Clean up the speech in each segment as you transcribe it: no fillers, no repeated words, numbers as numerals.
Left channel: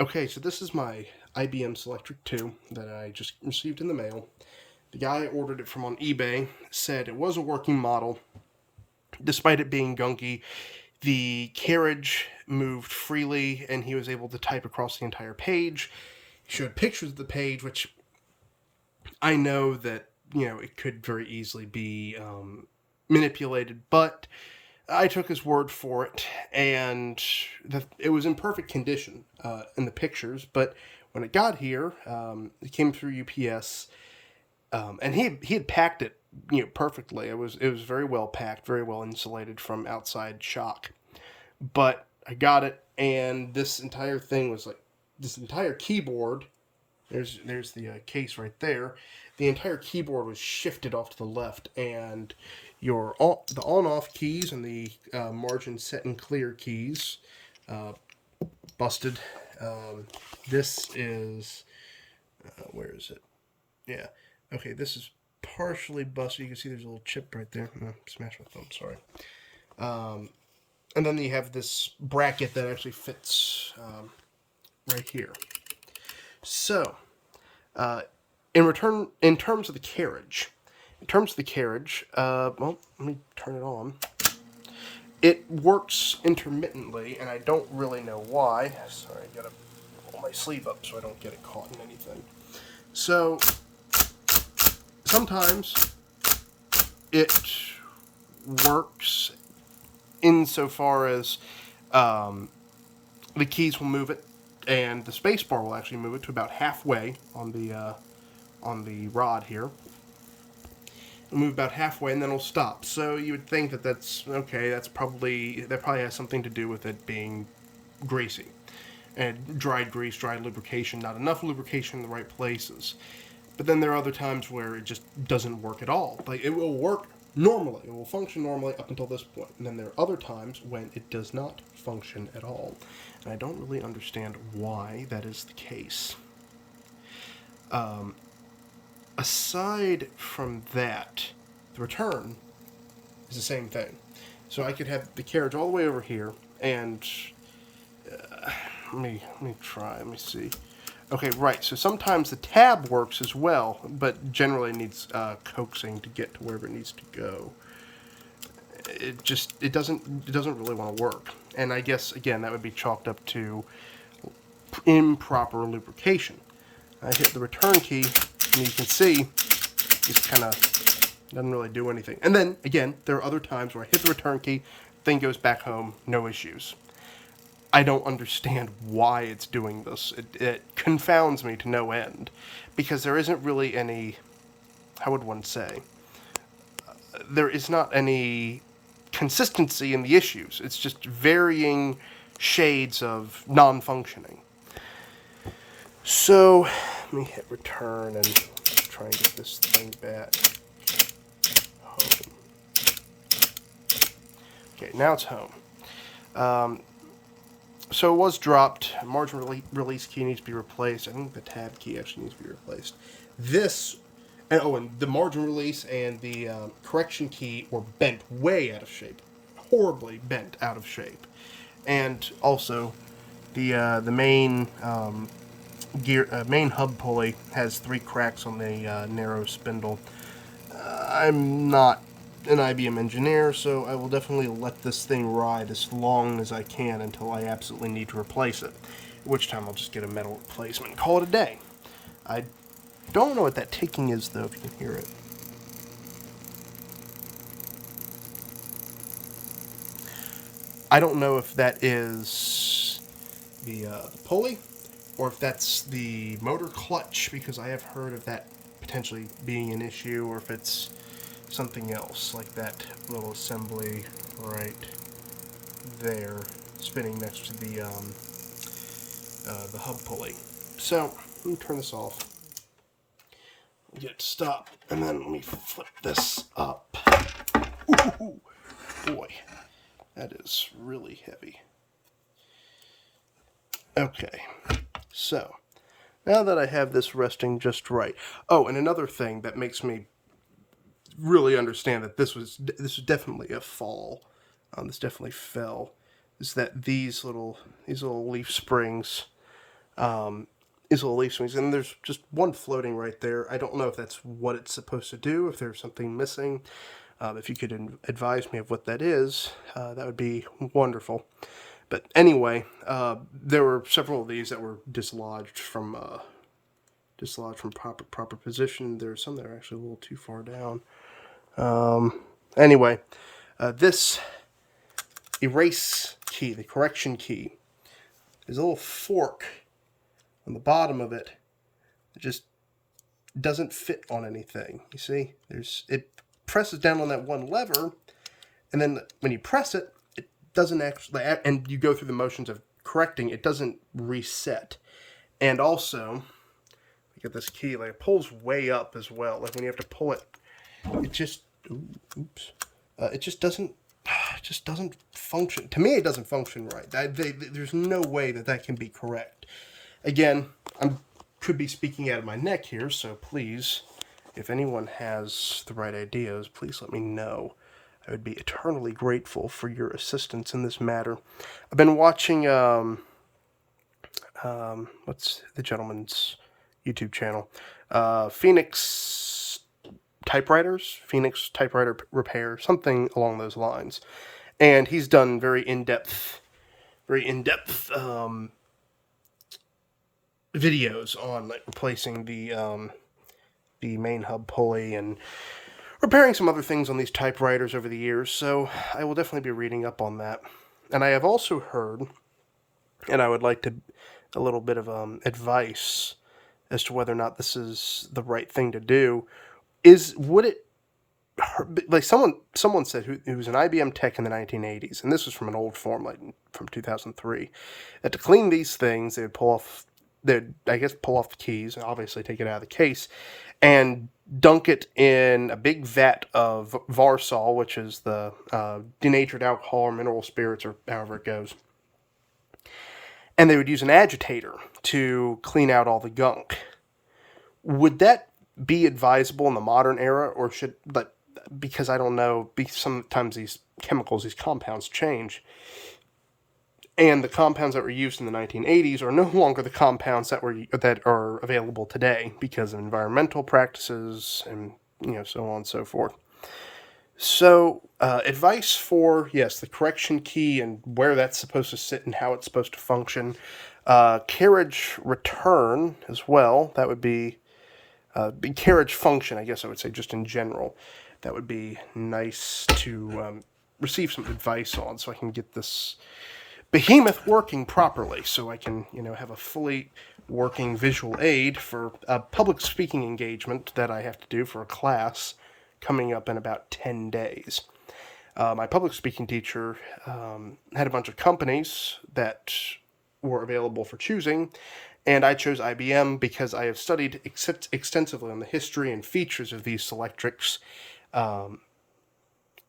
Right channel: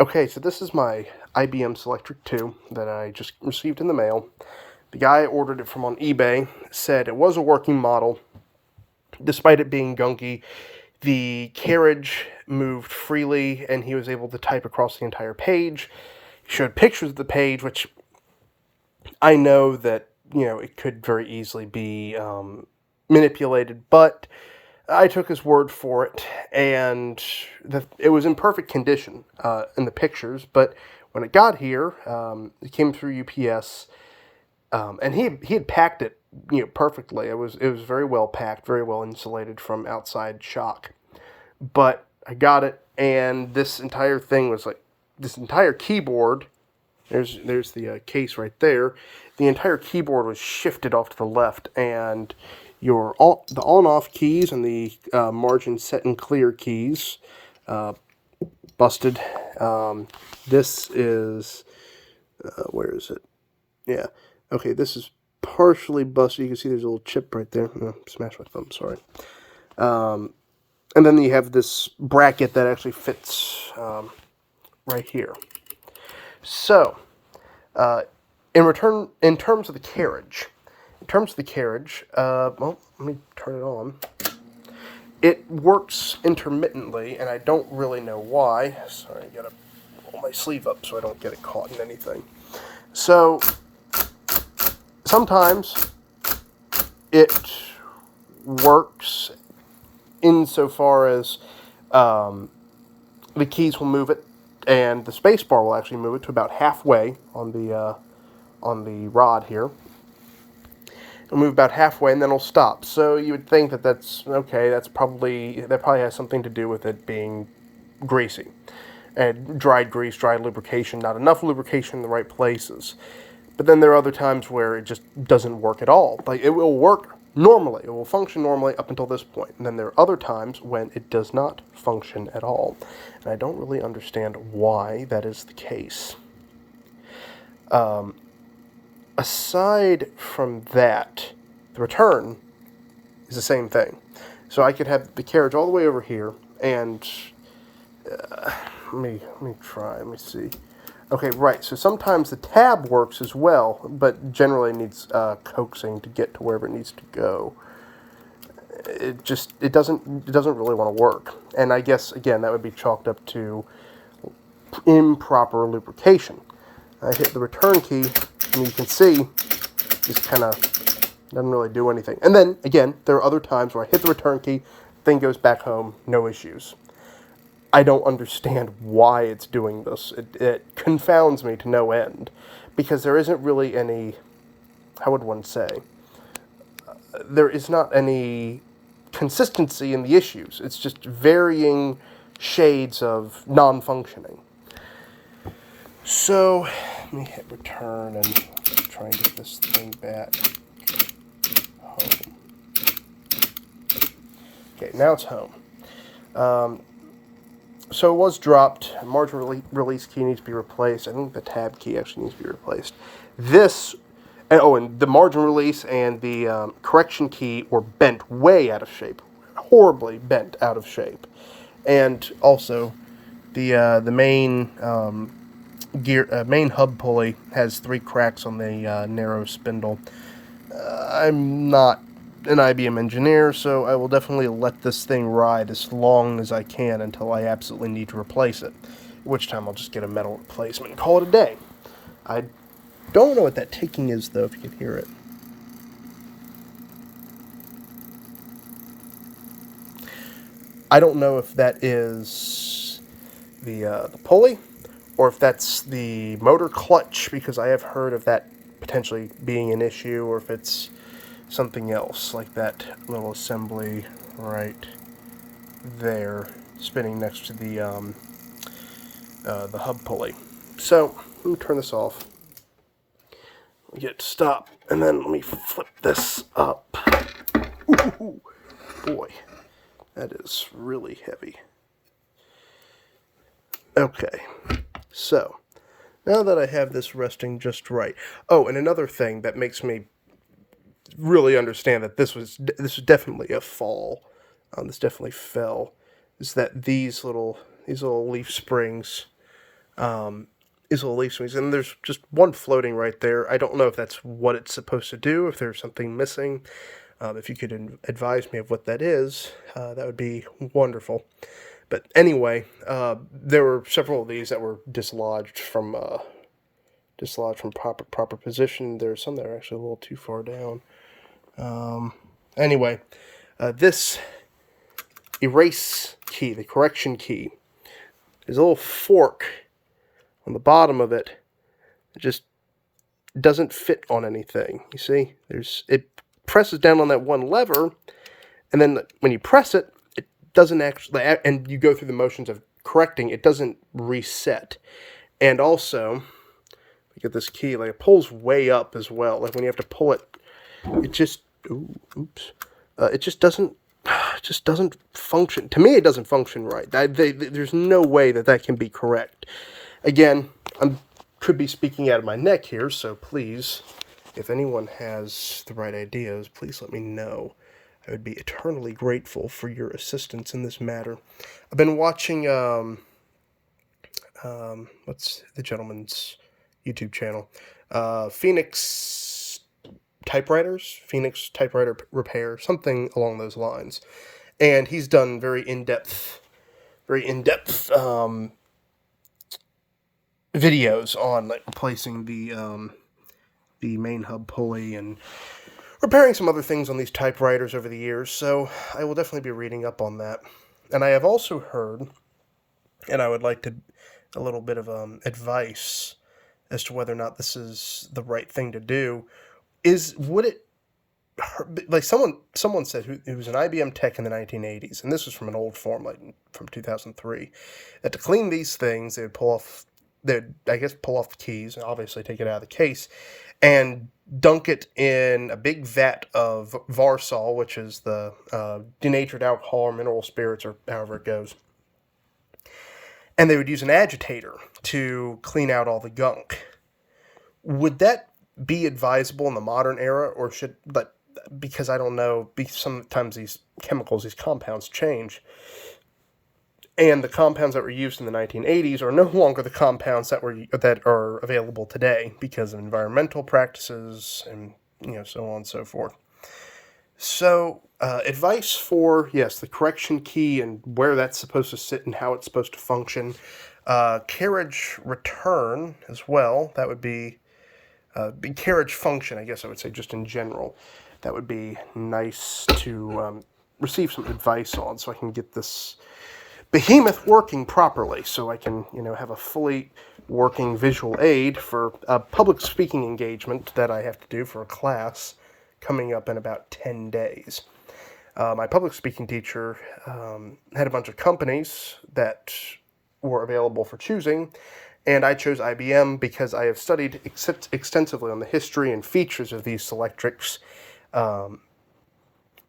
Okay, so this is my IBM Selectric II that I just received in the mail. The guy I ordered it from on eBay said it was a working model, despite it being gunky. The carriage moved freely, and he was able to type across the entire page. He showed pictures of the page, which I know that, it could very easily be manipulated, but I took his word for it, and it was in perfect condition in the pictures. But when it got here, it came through UPS, and he had packed it, perfectly. It was very well packed, very well insulated from outside shock. But I got it, and this entire thing was like this entire keyboard. There's the case right there. The entire keyboard was shifted off to the left, and the on-off keys and the margin set and clear keys busted. This is where is it? Yeah. Okay, this is partially busted. You can see there's a little chip right there. Oh, smash my thumb. Sorry. And then you have this bracket that actually fits right here. So, in terms of the carriage, well, let me turn it on. It works intermittently, and I don't really know why. Sorry, I gotta pull my sleeve up so I don't get it caught in anything. So, sometimes it works insofar as the keys will move it, and the space bar will actually move it to about halfway on the rod here. It'll move about halfway, and then it'll stop. So you would think that that's okay. That probably has something to do with it being greasy, and dried grease, dried lubrication, not enough lubrication in the right places. But then there are other times where it just doesn't work at all. Like, it will work normally. It will function normally up until this point. And then there are other times when it does not function at all. And I don't really understand why that is the case. Aside from that, the return is the same thing. So I could have the carriage all the way over here, and let me try. Let me see. Okay, right. So sometimes the tab works as well, but generally it needs coaxing to get to wherever it needs to go. It doesn't really want to work. And I guess again that would be chalked up to improper lubrication. I hit the return key, and you can see just kind of doesn't really do anything. And then again, there are other times where I hit the return key, thing goes back home, no issues. I don't understand why it's doing this. It confounds me to no end, because there isn't really any, how would one say, there is not any consistency in the issues. It's just varying shades of non-functioning. So, let me hit return and try and get this thing back home. Okay, now it's home. So it was dropped. Margin release key needs to be replaced. I think the tab key actually needs to be replaced. And the margin release and the correction key were bent way out of shape, horribly bent out of shape. And also, the main main hub pulley has 3 cracks on the narrow spindle. I'm not an IBM engineer, so I will definitely let this thing ride as long as I can until I absolutely need to replace it, at which time I'll just get a metal replacement and call it a day. I don't know what that ticking is, though, if you can hear it. I don't know if that is the pulley, or if that's the motor clutch, because I have heard of that potentially being an issue, or if it's something else, like that little assembly right there, spinning next to the hub pulley. So, let me turn this off. Let me get it to stop, and then let me flip this up. Ooh, boy, that is really heavy. Okay, so, now that I have this resting just right. Oh, and another thing that makes me really understand that this was definitely a fall. This definitely fell. Is that these little leaf springs is a little leaf and there's just one floating right there. I don't know if that's what it's supposed to do, if there's something missing. If you could advise me of what that is, that would be wonderful. But anyway, there were several of these that were dislodged from proper position. There's some that are actually a little too far down. Anyway, this erase key, the correction key, there's a little fork on the bottom of it. It just doesn't fit on anything. You see, it presses down on that one lever, and then when you press it, it doesn't actually, and you go through the motions of correcting, it doesn't reset. And also, you get this key, like it pulls way up as well. Like when you have to pull it, it just, it just doesn't function. To me, it doesn't function right. There's no way that can be correct. Again, could be speaking out of my neck here, so please, if anyone has the right ideas, please let me know. I would be eternally grateful for your assistance in this matter. I've been watching, what's the gentleman's YouTube channel? Phoenix Typewriter Repair, something along those lines. And he's done very in-depth videos on like replacing the main hub pulley and repairing some other things on these typewriters over the years, so I will definitely be reading up on that. And I have also heard, and I would like a little bit of advice as to whether or not this is the right thing to do, would it like someone said who was an IBM tech in the 1980s, and this was from an old form, like from 2003, that to clean these things, they'd pull off the keys, and obviously take it out of the case, and dunk it in a big vat of Varsol, which is the denatured alcohol or mineral spirits, or however it goes. And they would use an agitator to clean out all the gunk. Would that be advisable in the modern era, or should, because I don't know, sometimes these chemicals, these compounds change, and the compounds that were used in the 1980s are no longer the compounds that are available today because of environmental practices and so on and so forth. So, advice for, yes, the correction key and where that's supposed to sit and how it's supposed to function. Carriage return as well. That would be carriage function, I guess I would say, just in general. That would be nice to receive some advice on, so I can get this behemoth working properly, so I can, have a fully working visual aid for a public speaking engagement that I have to do for a class coming up in about 10 days. My public speaking teacher had a bunch of companies that were available for choosing, and I chose IBM because I have studied extensively on the history and features of these Selectrics.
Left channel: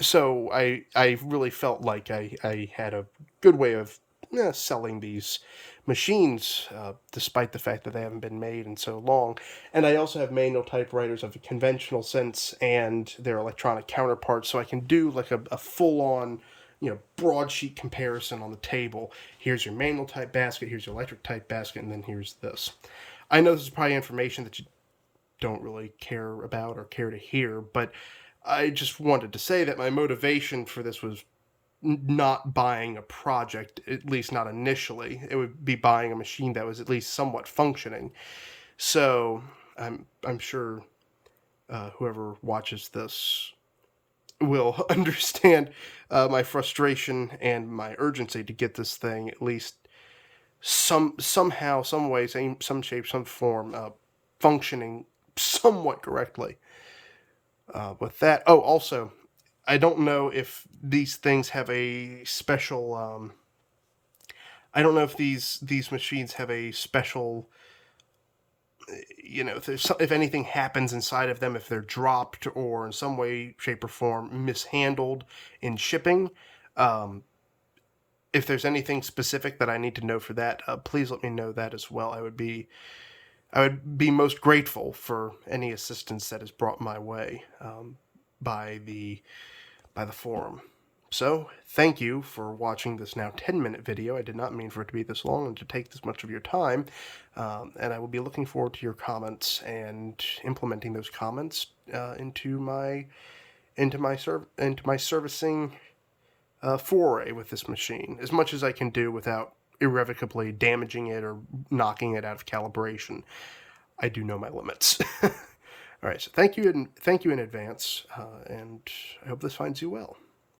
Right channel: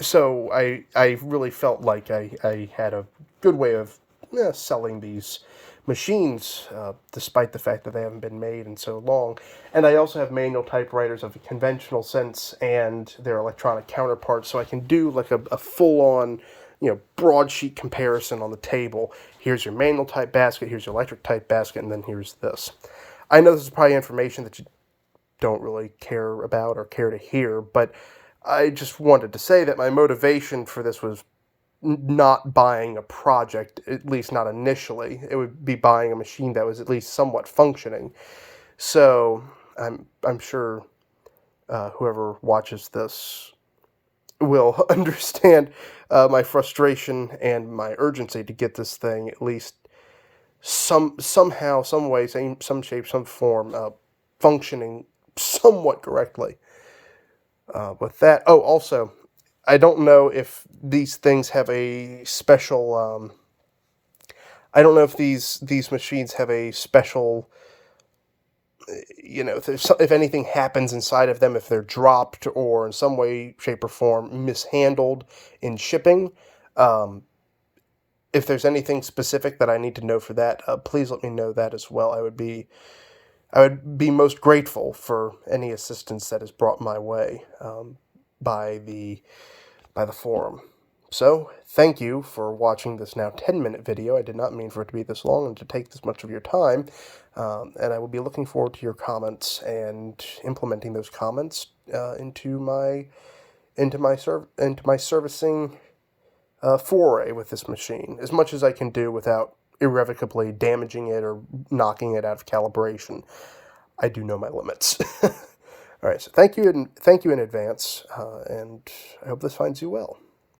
So I really felt like I had a good way of selling these machines, despite the fact that they haven't been made in so long. And I also have manual typewriters of a conventional sense and their electronic counterparts, so I can do like a full-on, broadsheet comparison on the table. Here's your manual type basket, here's your electric type basket, and then here's this. I know this is probably information that you don't really care about or care to hear, but I just wanted to say that my motivation for this was not buying a project, at least not initially. It would be buying a machine that was at least somewhat functioning. So I'm sure whoever watches this will understand my frustration and my urgency to get this thing at least somehow, some way, some shape, some form, functioning somewhat correctly. With that, also, I don't know if these things have a special, I don't know if these machines have a special, if anything happens inside of them, if they're dropped or in some way, shape, or form mishandled in shipping. If there's anything specific that I need to know for that, please let me know that as well. I would be most grateful for any assistance that is brought my way by the forum. So, thank you for watching this now 10-minute video. I did not mean for it to be this long and to take this much of your time, and I will be looking forward to your comments and implementing those comments into my servicing foray with this machine, as much as I can do without irrevocably damaging it or knocking it out of calibration. I do know my limits. All right, so thank you in advance, and I hope this finds you well.